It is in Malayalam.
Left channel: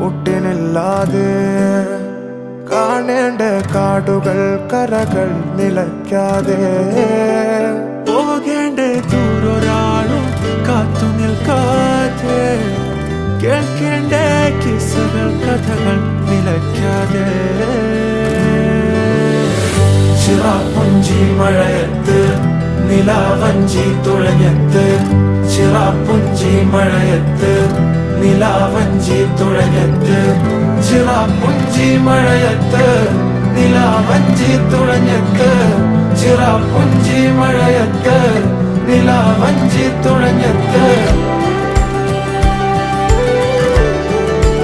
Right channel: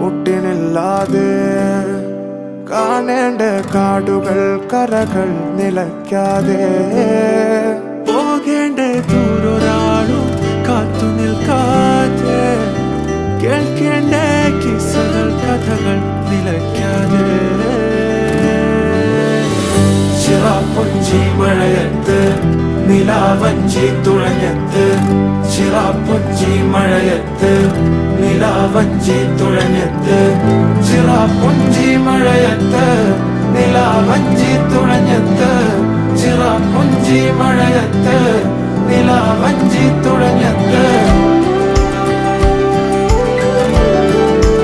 ഒട്ടിനില്ലാതെ കാണേണ്ട കാടുകൾ കരകൾ നിലയ്ക്കാതെ പോകേണ്ട ദൂരൊരാളും കാത്തു നിൽക്കാതെ കേൾക്കേണ്ട കിസ്സകൾ കഥകൾ നിലയ്ക്കാതെ ചിറാപ്പുഞ്ചി മഴയത്ത് നിലാവഞ്ചി തുഴഞ്ഞത്ത് ചിറാപ്പുഞ്ചി മഴയത്ത് നിലാവഞ്ചി തുഴഞ്ഞത്ത് ചിറാപ്പുഞ്ചി മഴയത്ത് നിലാവഞ്ചി തുഴഞ്ഞത്ത് ചിറാപ്പുഞ്ചി മഴയത്ത് നിലാവഞ്ചി തുഴഞ്ഞത്ത്